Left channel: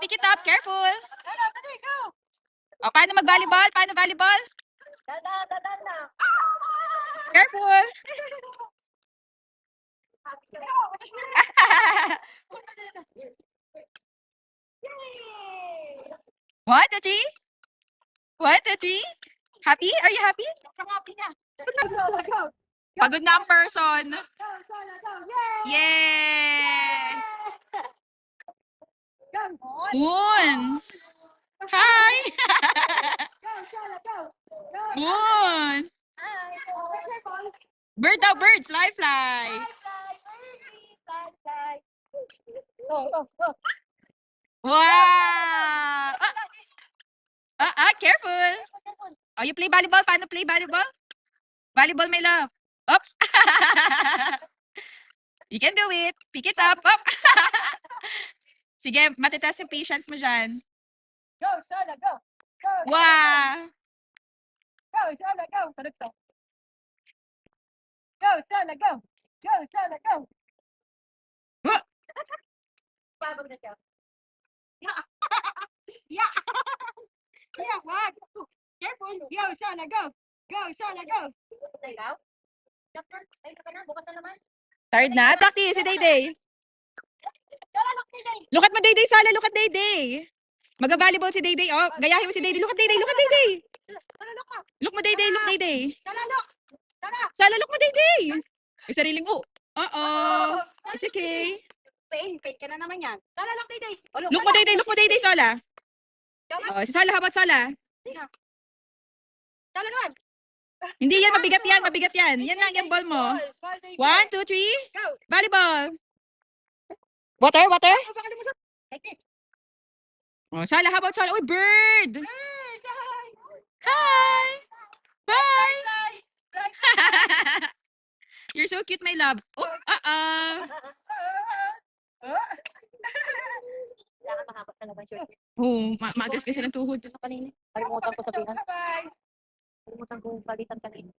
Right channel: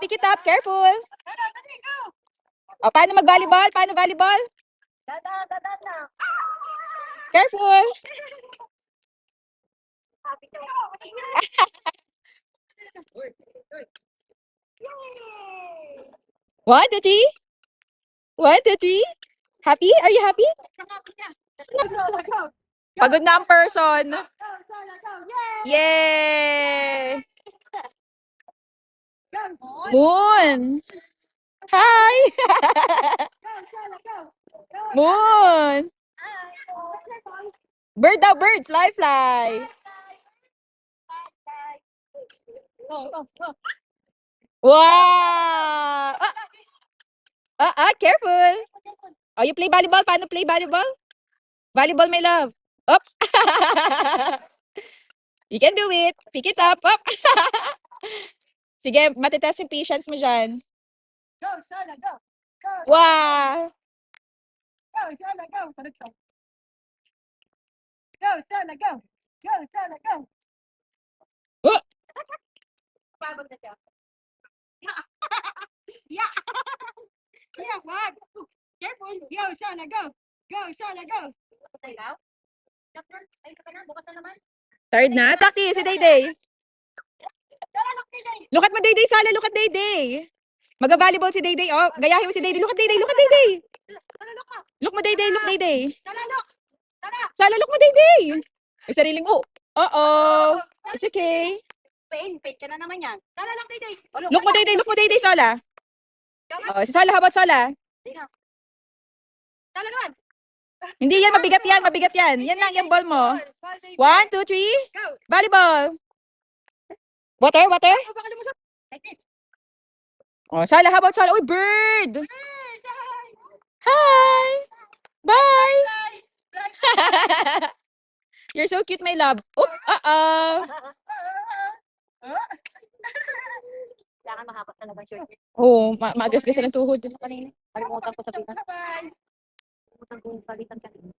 Pick it up. Careful. Paano mag-volleyball? Paano volleyball? Dadan na. Careful. Happy ka. One, two, three. 1, 2, 3. Happy? Are you happy? Happy na. Pagod na ang person. Go, Sola, go. Yay! Yay! Go. Moon. Hi. Go, Sola, go. Go. Moon. Hi. Bird daw, bird. Fly, fly. Go. Wow. Careful. Oh, you play volleyball? Paano play volleyball? Volleyball, my love. Up. You can do it. Pick it up. Up. Sige, matitaas yung patience mo dyan. Go, Sola, go. Go. Wow. Go, Sola, go. Go, Sola, go. Go, Sola, go. Pagod na siya. Yeah. Yeah, wag. Careful. Go, Sola, go. Go, Sola, go. Bukas na naman. Third na. Taki, si Dayday. Look at mo, Dayday, Sala. Look at Dayday. Mag-volleyball si Dayday. Oh, gayahin mo si Dayday. Look at Dayday. Look at Dayday. Look mo, Dayday. Look, Dayday. Sala, look mo, Dayday. May sariling, oh. It's okay. Pain ka na naman yan. Talalak, Dayday. Look mo, Dayday. Look mo, Dayday, Sala. Oh, si Sala, how about Sala? Talagang. Hindi yan, mabigat yan, mabigat yan. Yan lang, yung ball mo. 1, 2, 3. Go. Volleyball. Water? Like this. Oh, Sala, how about Sala? Uy, bird. Hi. Bye. You're so cute, my love. Kailangan mahaba talaga yung shirt. Oh, maagas kasi ng tuhod. Kanina. Kalimutan ko sabihin. Kalimutan ko palitan kanina.